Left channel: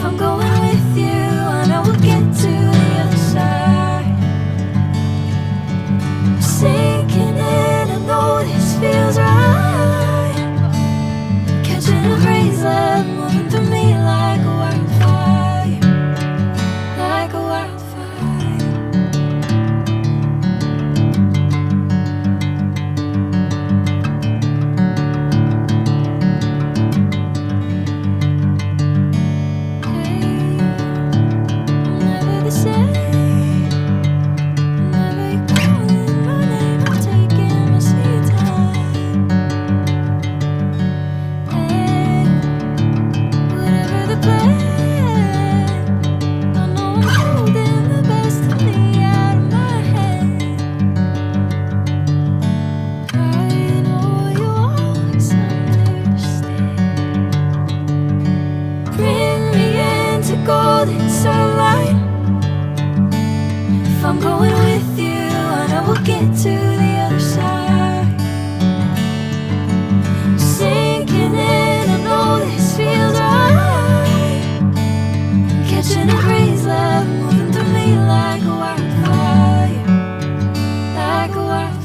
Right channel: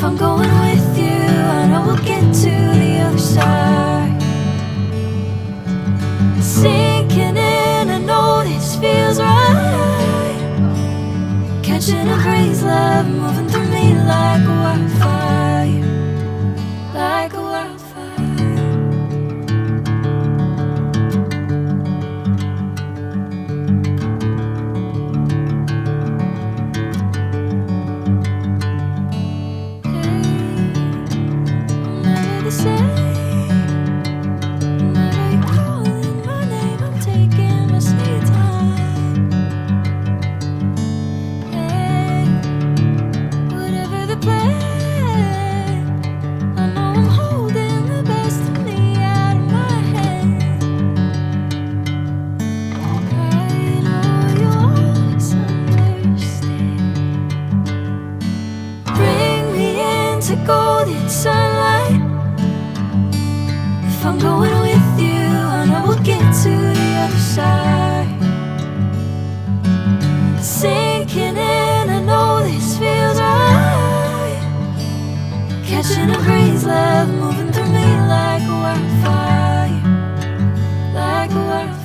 If I'm going with you, I know we'll get to the other side. Sinking in, I know this feels right. Catching a crazy love, moving through me like a wildfire, like a wildfire. Hey, I'm never the same. Whenever you're calling my name, I'm taking my sweet time. Hey, whatever the plan, I know I'm holding the best of me out of my hand. I know you always understand. Bring me into golden sunlight. If I'm going with you, I know we'll get to the other side. Sinking in, I know this feels right. Catching a crazy love, moving through me like a wildfire, like a wildfire.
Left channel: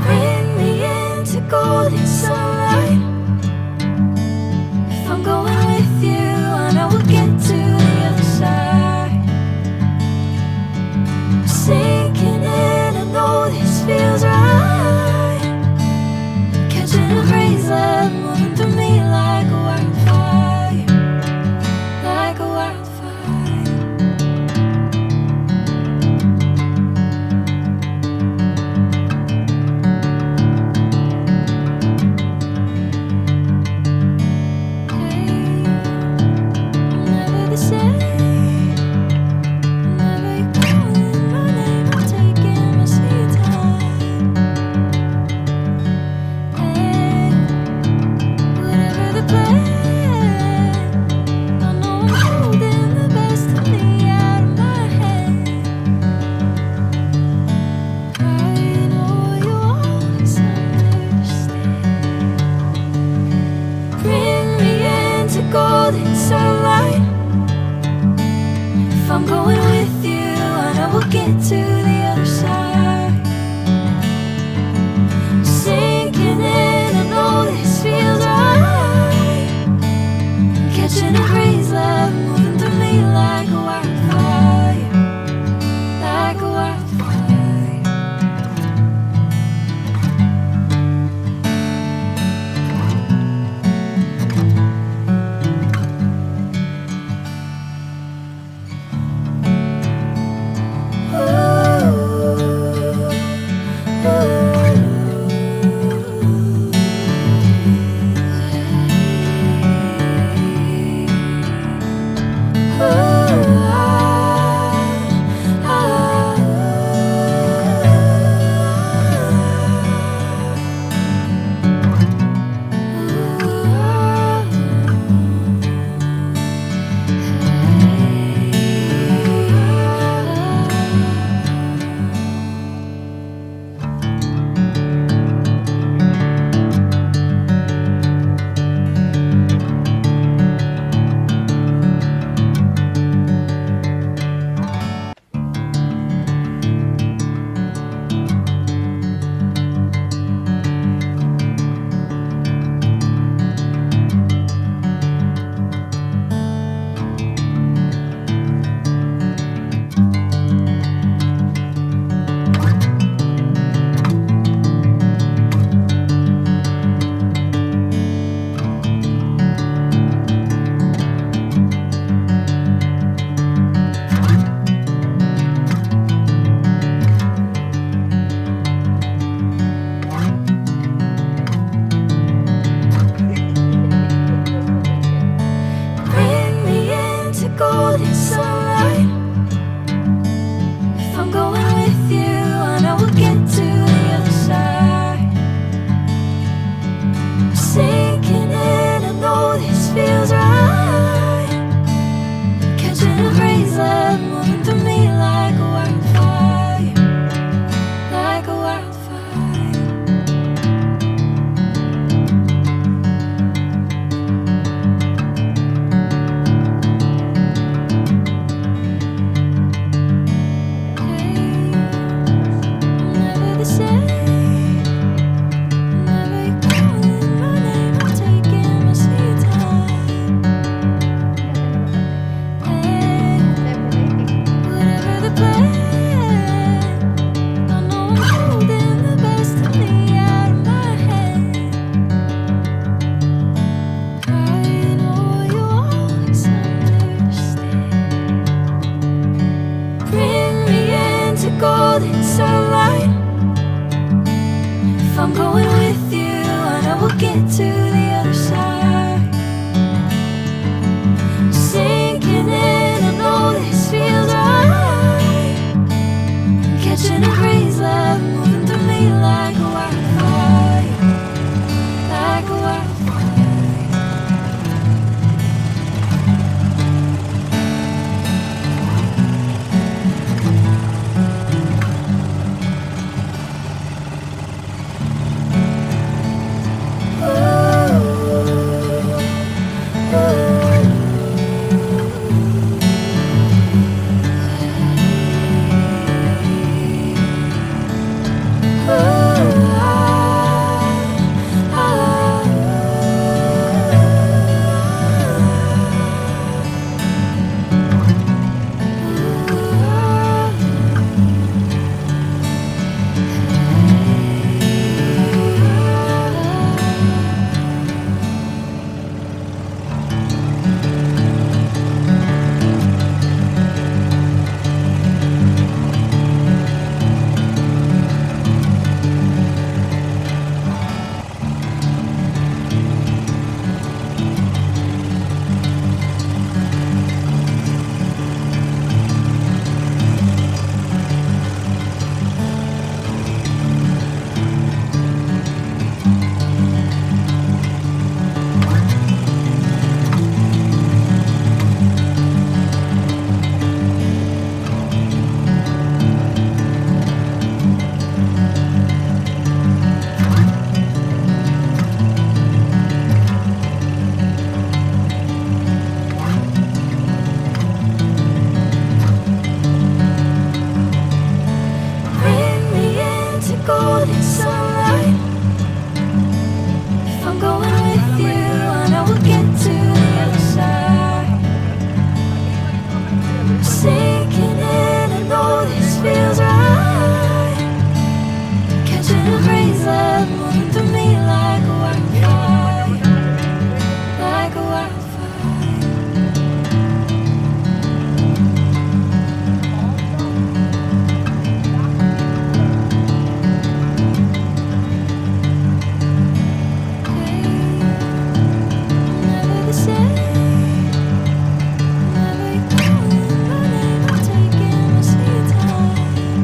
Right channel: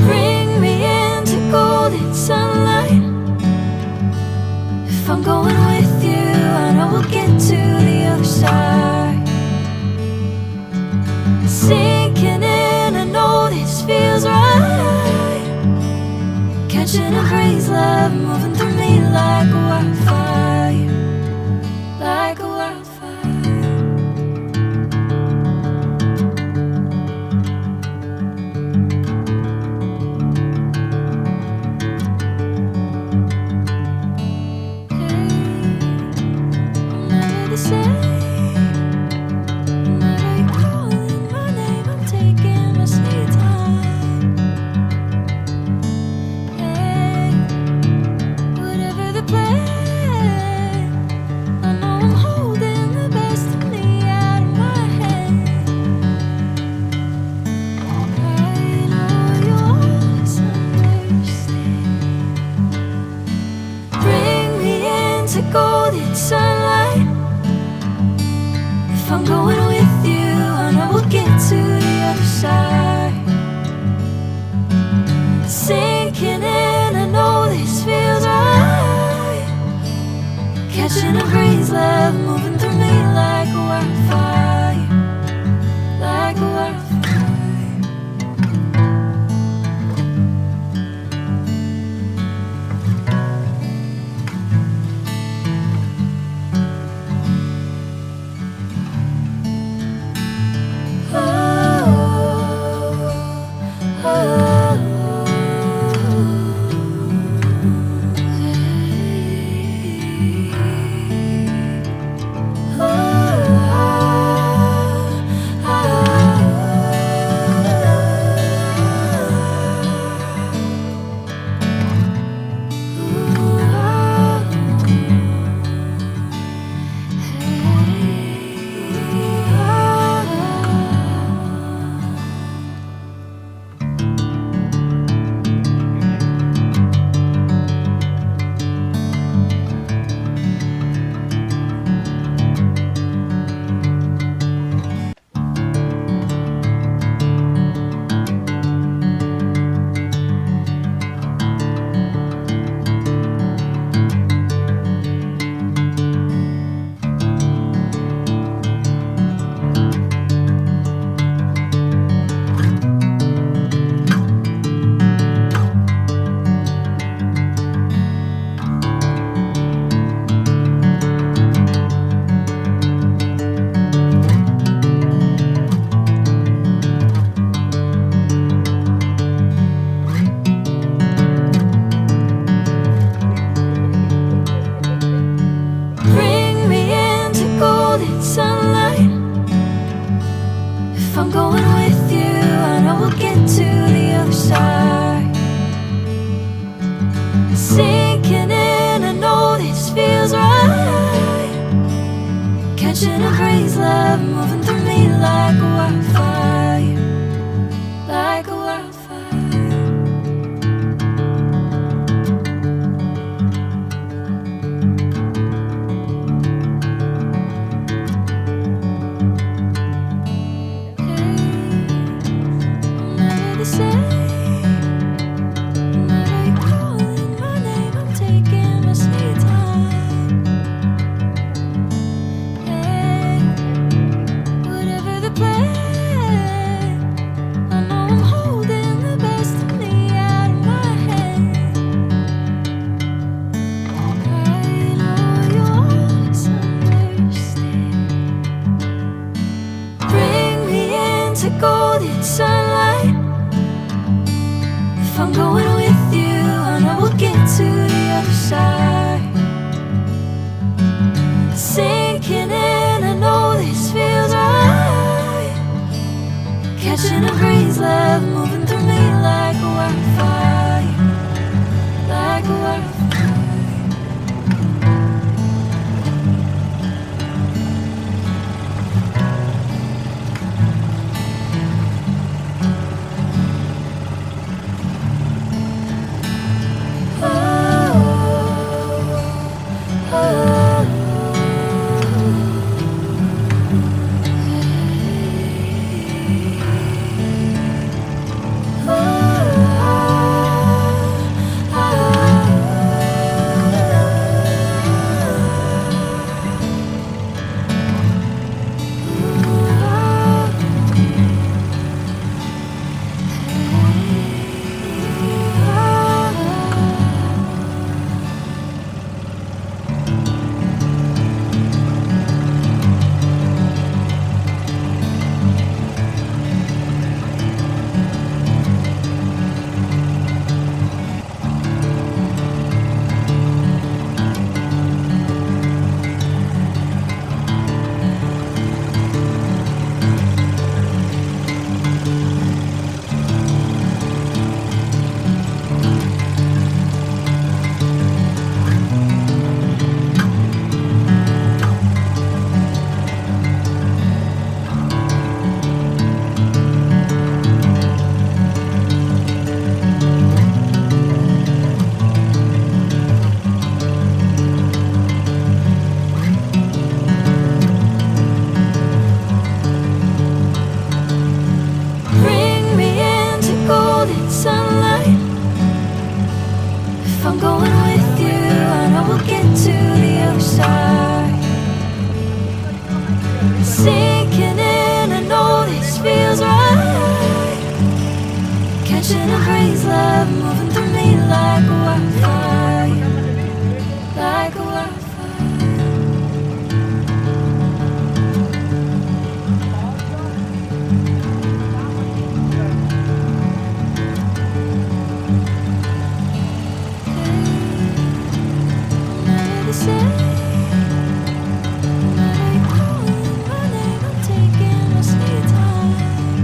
Bring me into golden sunlight. If I'm going with you, I know we'll get to the other side. Sinking in, I know this feels right. Catching a crazy love, moving through me like a wildfire, like a wildfire. Hey, I'm never the same. Whenever you're calling my name, I'm taking my sweet time. Hey, I'm going with you, I know we'll get to the other side. Sinking in, I know this feels right. Catching a breeze, love moving through me like a wildfire, like a wildfire. Bring me into golden sunlight. If I'm going with you, I know we'll get to the other side. Sinking in, I know this feels right. Catching a breeze, love moving through me like a wildfire, like a wildfire. Never the same. Never you calling my name, I'm taking my sweet time.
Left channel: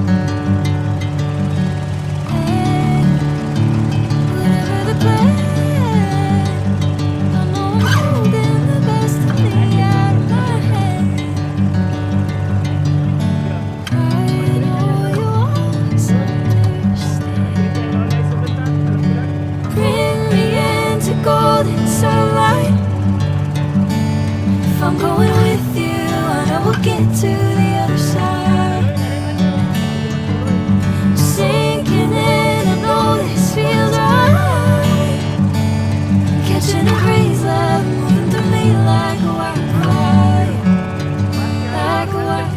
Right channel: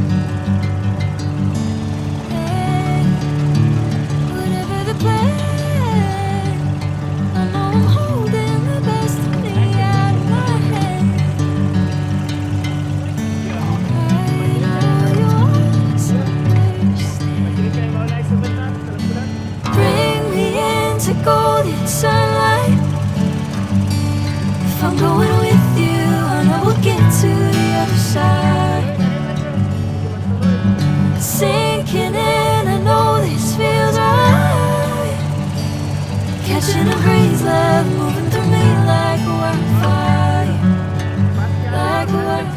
Hey, whatever the plan, I know I'm holding the best of me out of my hand. I know you always understand. Bring me into golden sunlight. If I'm going with you, I know we'll get to the other side. Sinking in, I know this feels right. Catching a breeze, love moving through me like a wildfire, like a wildfire.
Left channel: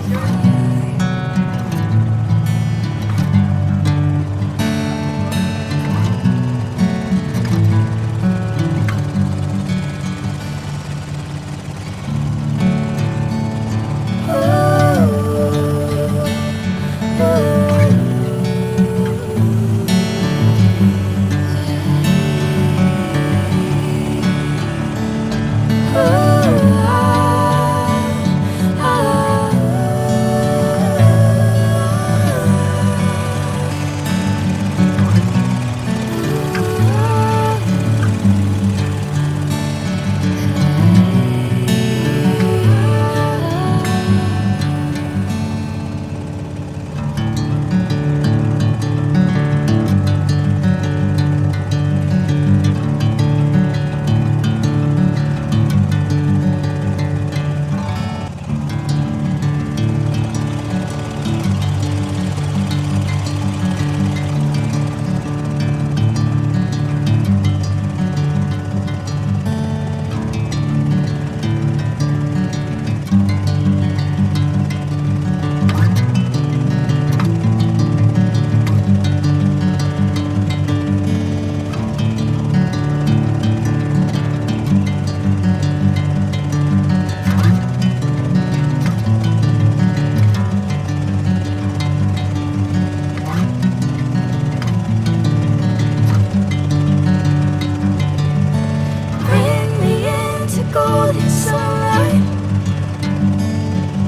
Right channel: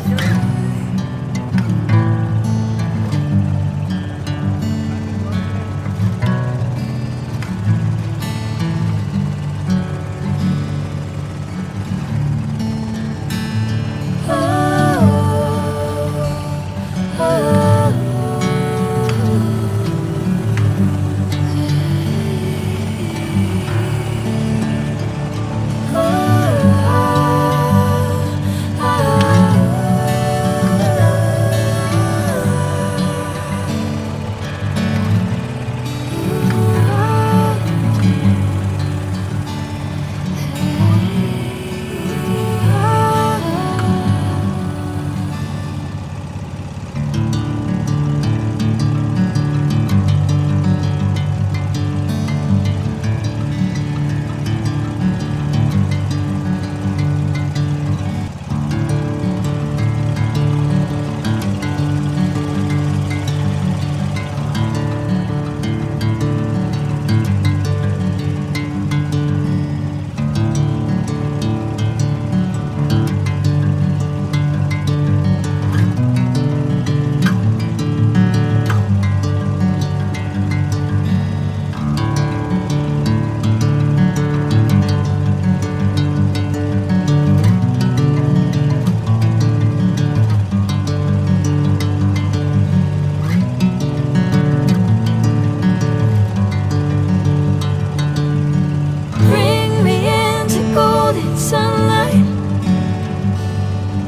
golden sunlight.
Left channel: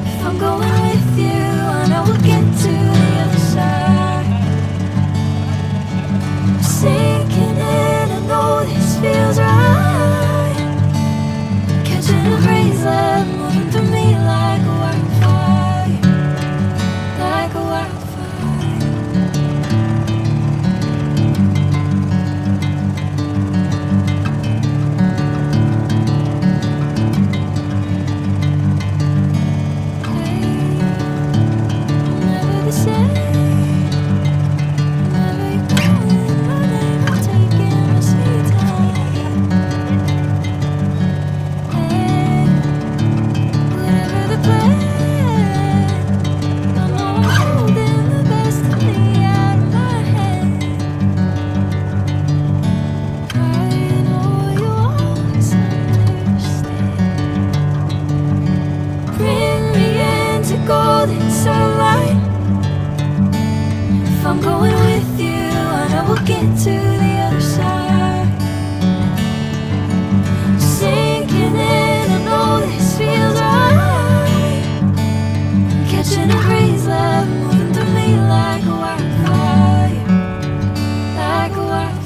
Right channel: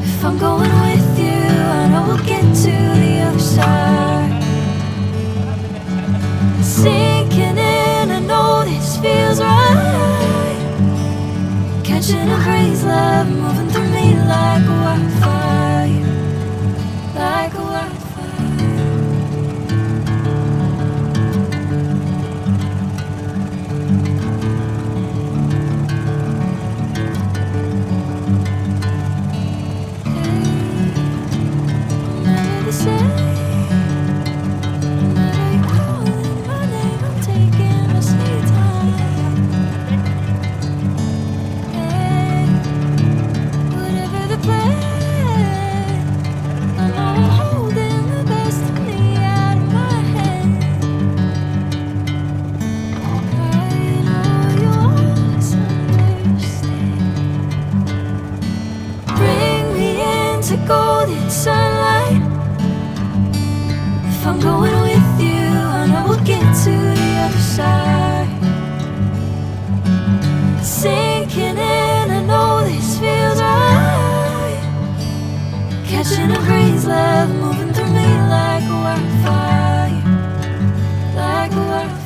If I'm going with you, I know we'll get to the other side. Sinking in, I know this feels right. Catching a crazy love moving through me like a wildfire, like a wildfire. Never the same. Whenever you're calling my name, I'm taking my sweet time. Hey, whatever the plan, I know I'm holding the best of me out of my hand. I know you always understand. Bring me into golden sunlight. If I'm going with you, I know we'll get to the other side. Sinking in, I know this feels right. Catching a crazy love moving through me like a wildfire, like a wildfire.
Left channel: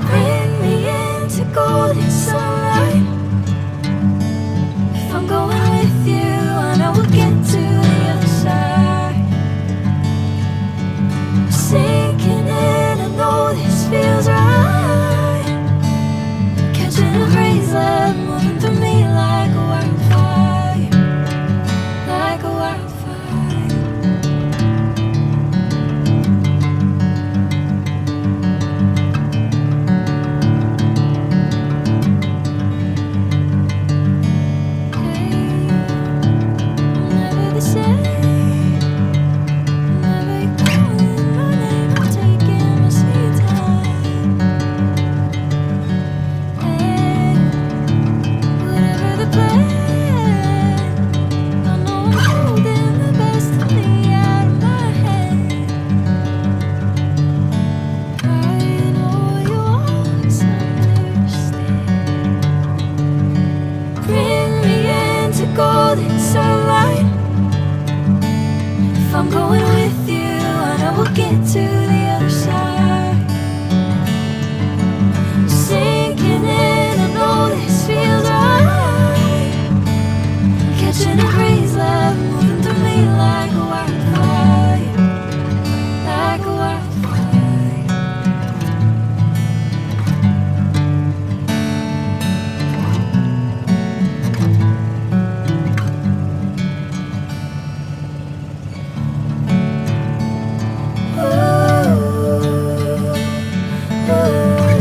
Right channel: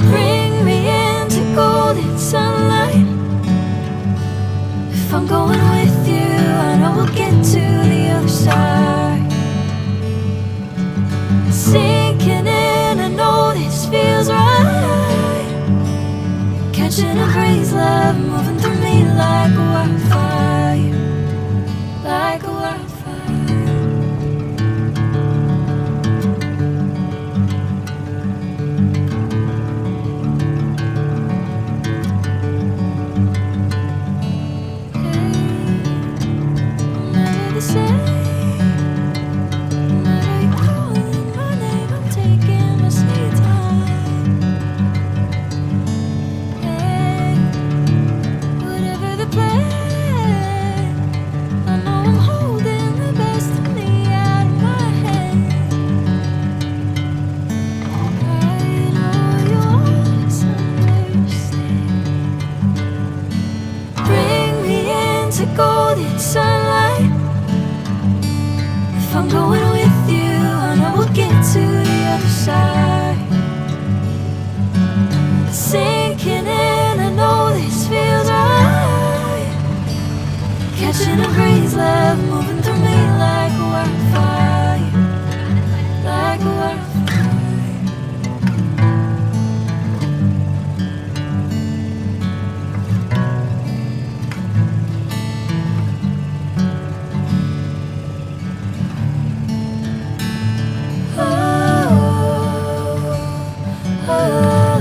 Bring me into golden sunlight. If I'm going with you, I know we'll get to the other side. Sinking in, I know this feels right. Catching a crazy love moving through me like a wildfire, like a wildfire. Never the same. Whenever you're calling my name, I'm taking my sweet time. Hey, whatever the plan, I know I'm holding the best of me out of my hand. I know you always understand. Bring me into golden sunlight. If I'm going with you, I know we'll get to the other side. Sinking in, I know this feels right. Catching a crazy love moving through me like a wildfire, like a wildfire. Oh, oh, oh.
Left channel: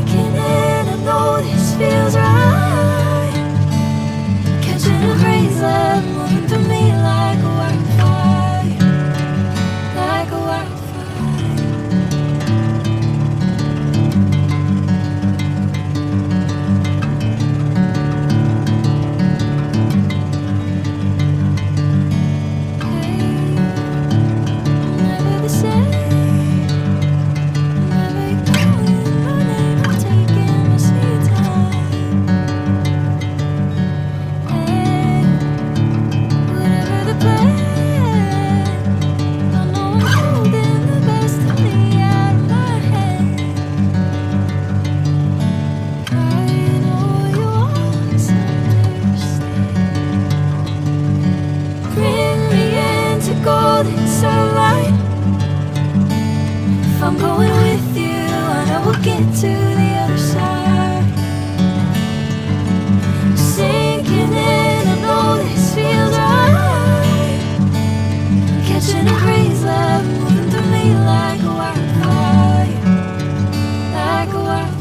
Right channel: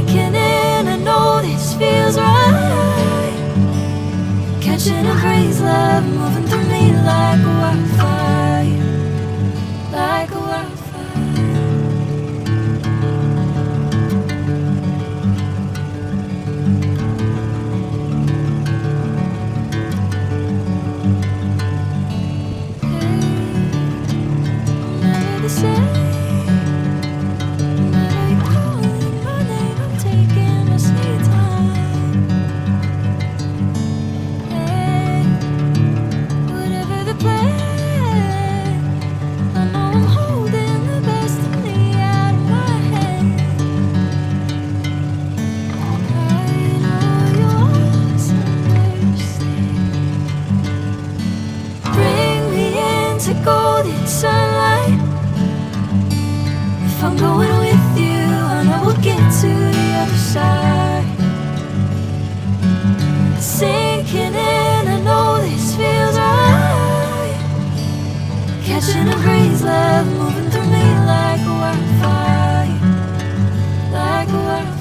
sinking in. I know this feels right. Catching a crazy love moving through me like a wildfire, like a wildfire. Golden sunlight. If I'm going with you, I know we'll get to the other side. Sinking in, I know this feels right. Catching a crazy love moving through me like a wildfire, like a wildfire.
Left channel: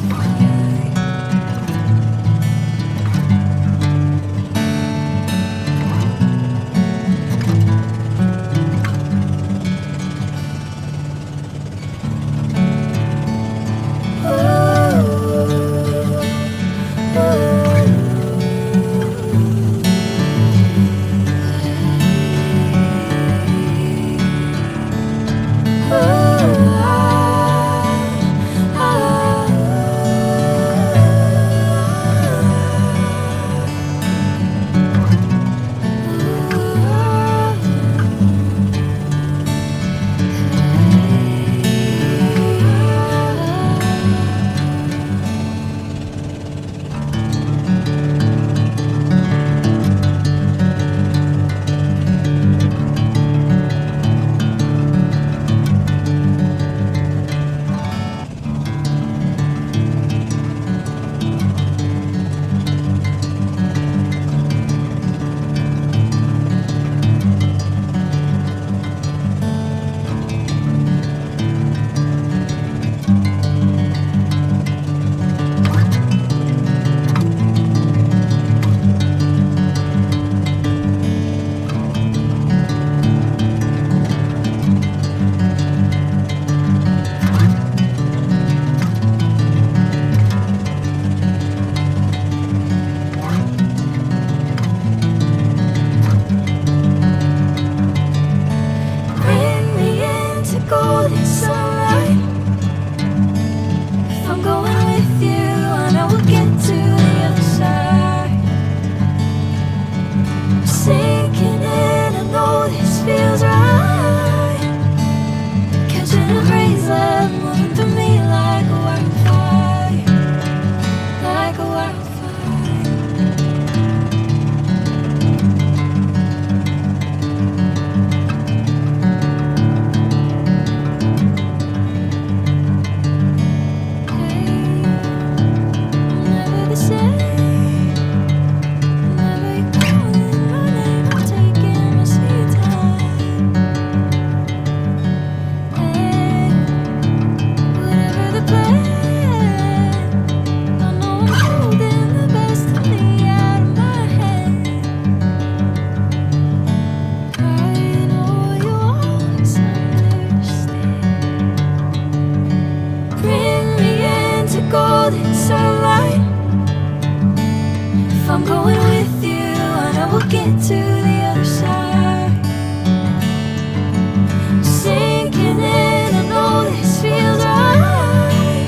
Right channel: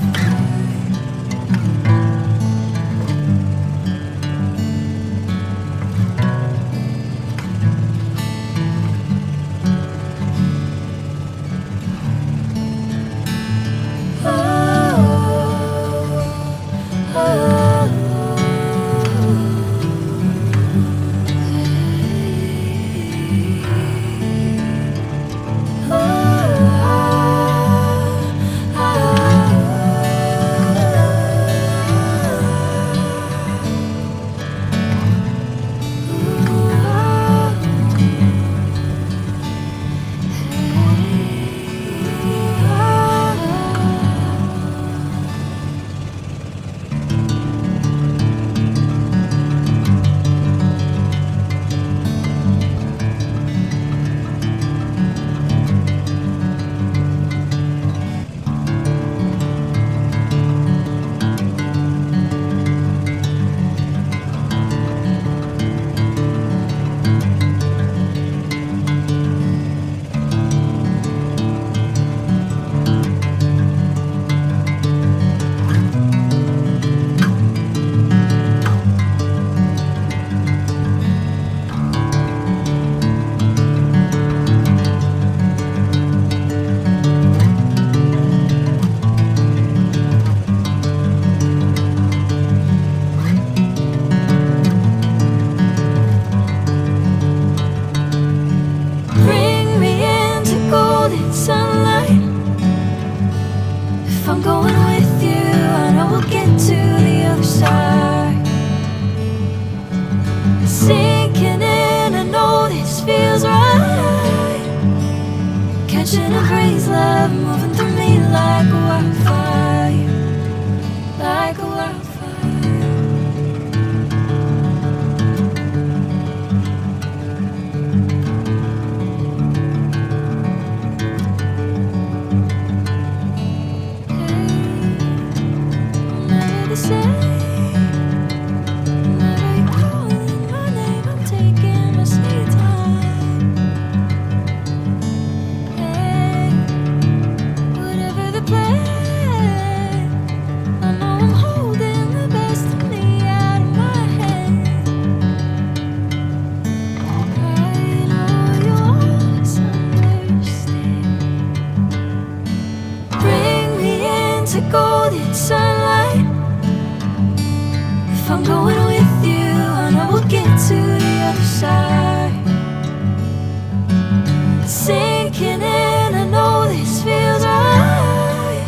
Golden sunlight. If I'm going with you, I know we'll get to the other side. Sinking in, I know this feels right. Catching a crazy love moving through me like a wildfire, like a wildfire. Golden sunlight. If I'm going with you, I know we'll get to the other side. Sinking in, I know this feels right.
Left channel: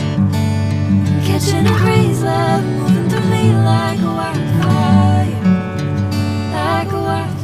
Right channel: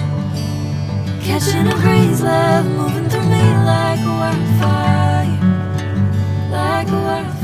Catching a crazy love moving through me like a wildfire, like a wildfire.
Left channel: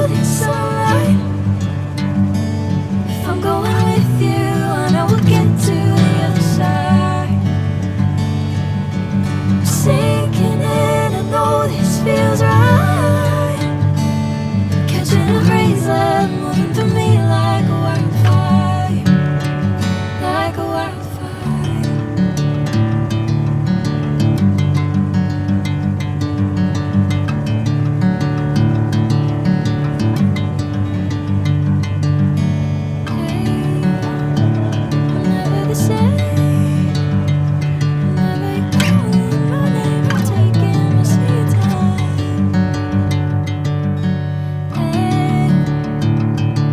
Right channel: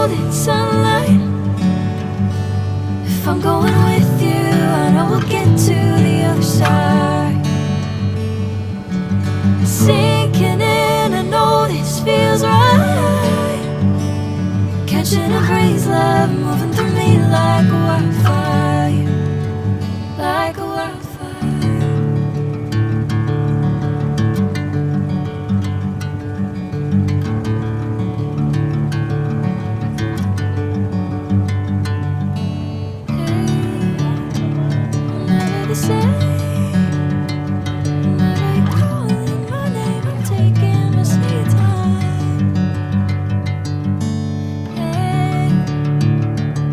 golden sunlight. If I'm going with you, I know we'll get to the other side. Sinking in, I know this feels right. Catching a breeze, love moving through me like a wildfire, like a wildfire. Never the same. Whenever you're calling my name, I'm taking my sweet time. Hey,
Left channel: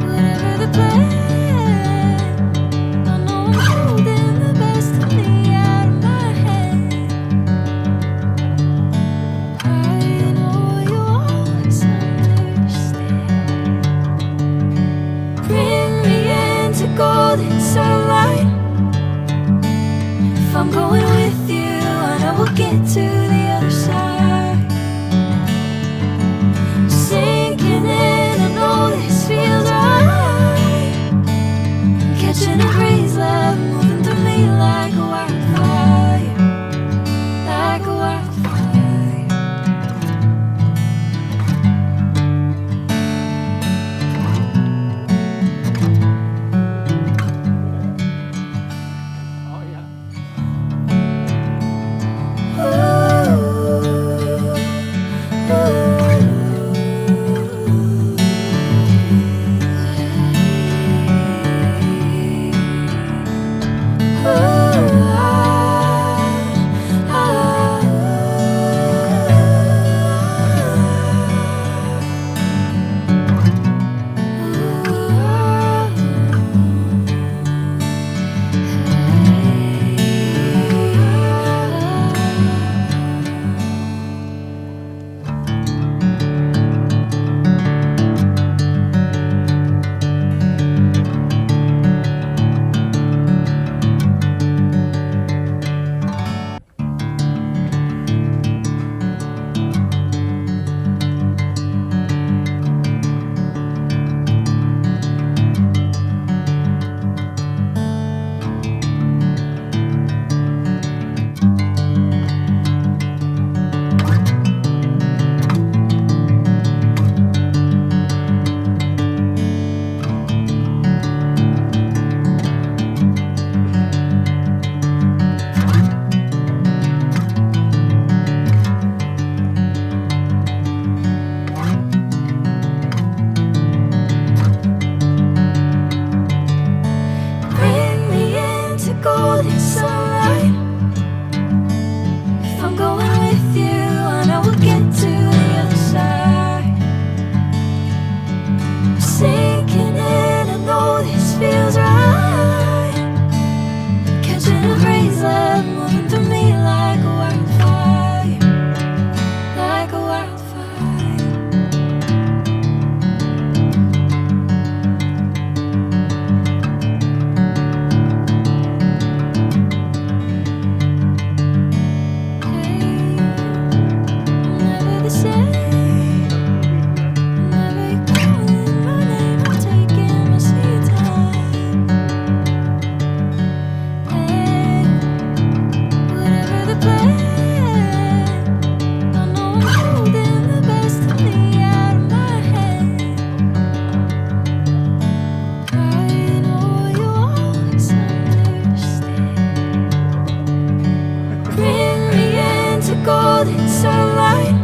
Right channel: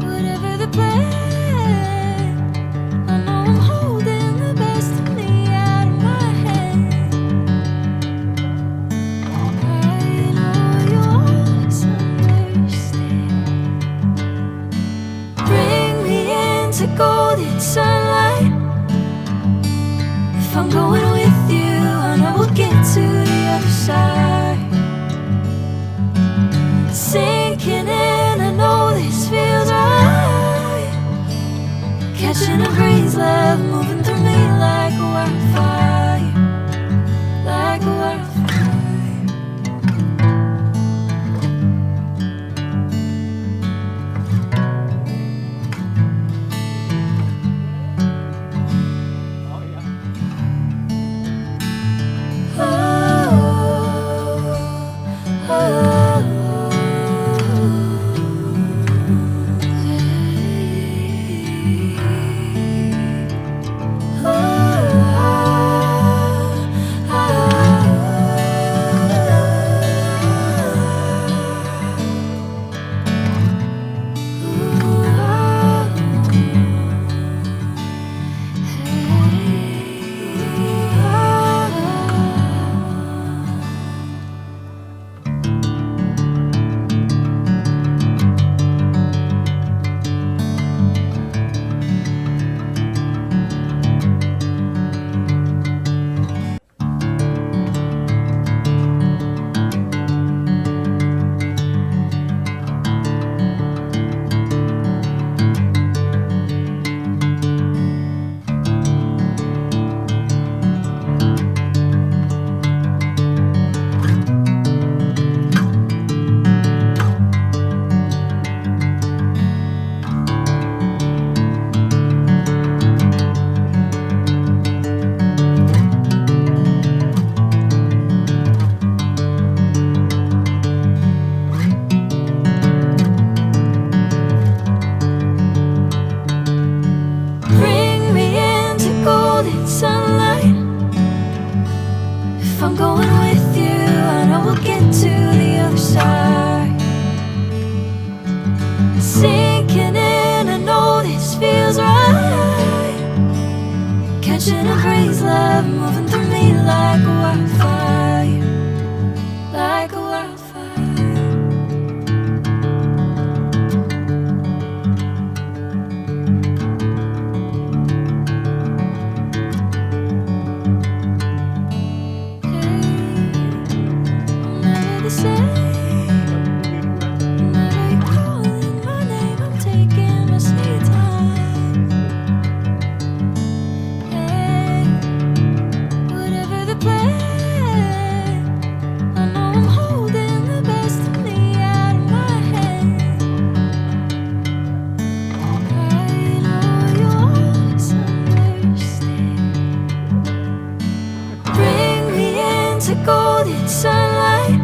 whatever the plan, I know I'm holding the best of me out of my hand. I know you always understand. Bring me into golden sunlight. If I'm going with you, I know we'll get to the other side. Sinking in, I know this feels right. Catching a breeze, love moving through me like a wildfire, like a wildfire. Bring me into golden sunlight. If I'm going with you, I know we'll get to the other side. Sinking in, I know this feels right. Catching a breeze, love moving through me like a wildfire, like a wildfire. Never the same. Whenever you're calling my name, I'm taking my sweet time. Hey, whatever the plan, I know I'm holding the best of me out of my hand. I know you always understand. Bring me into golden sunlight.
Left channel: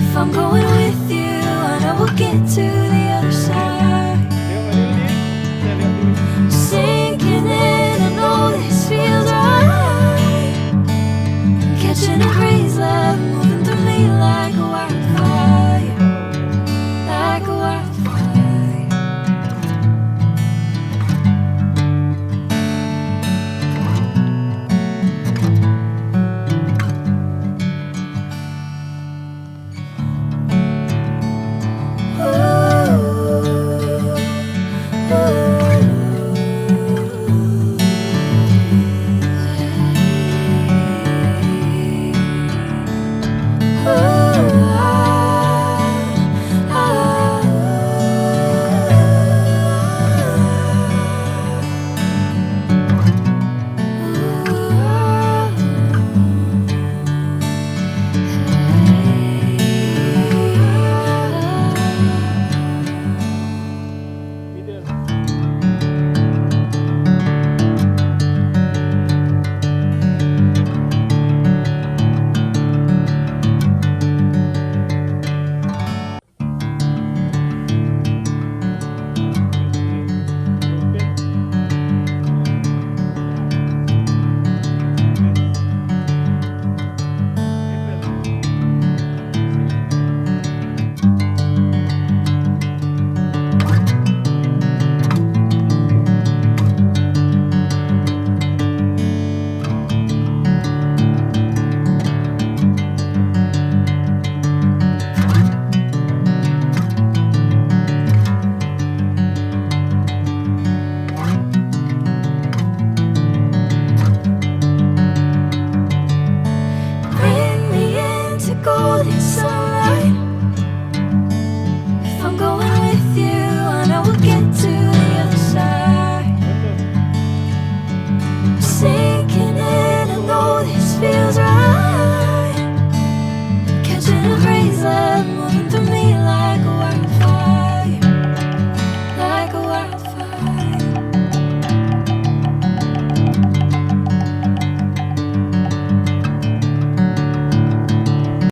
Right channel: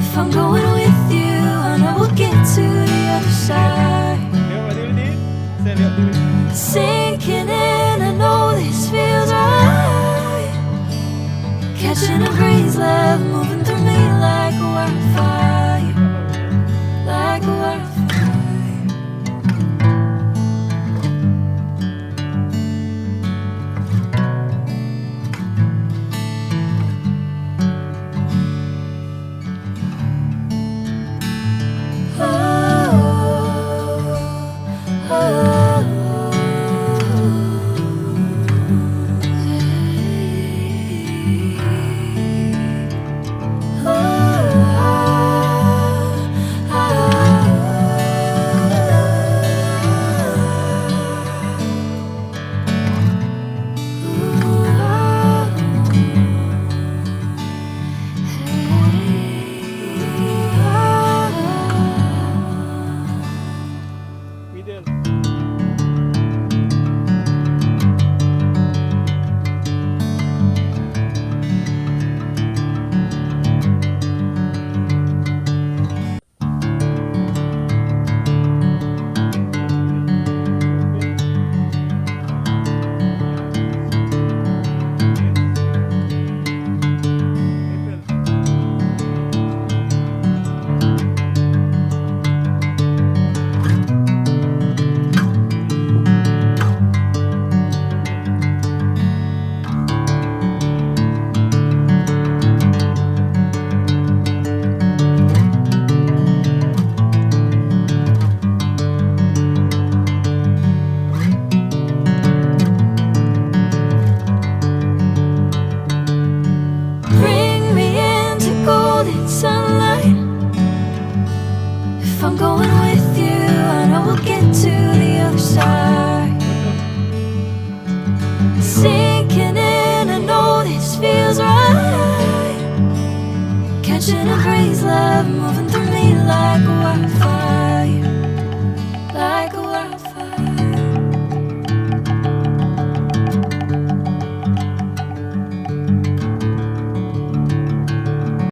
If I'm going with you, I know we'll get to the other side. Tengok dulu ni. Saya lihat dulu. Sinking in, I know this feels right. Catching a breeze, love moving through me like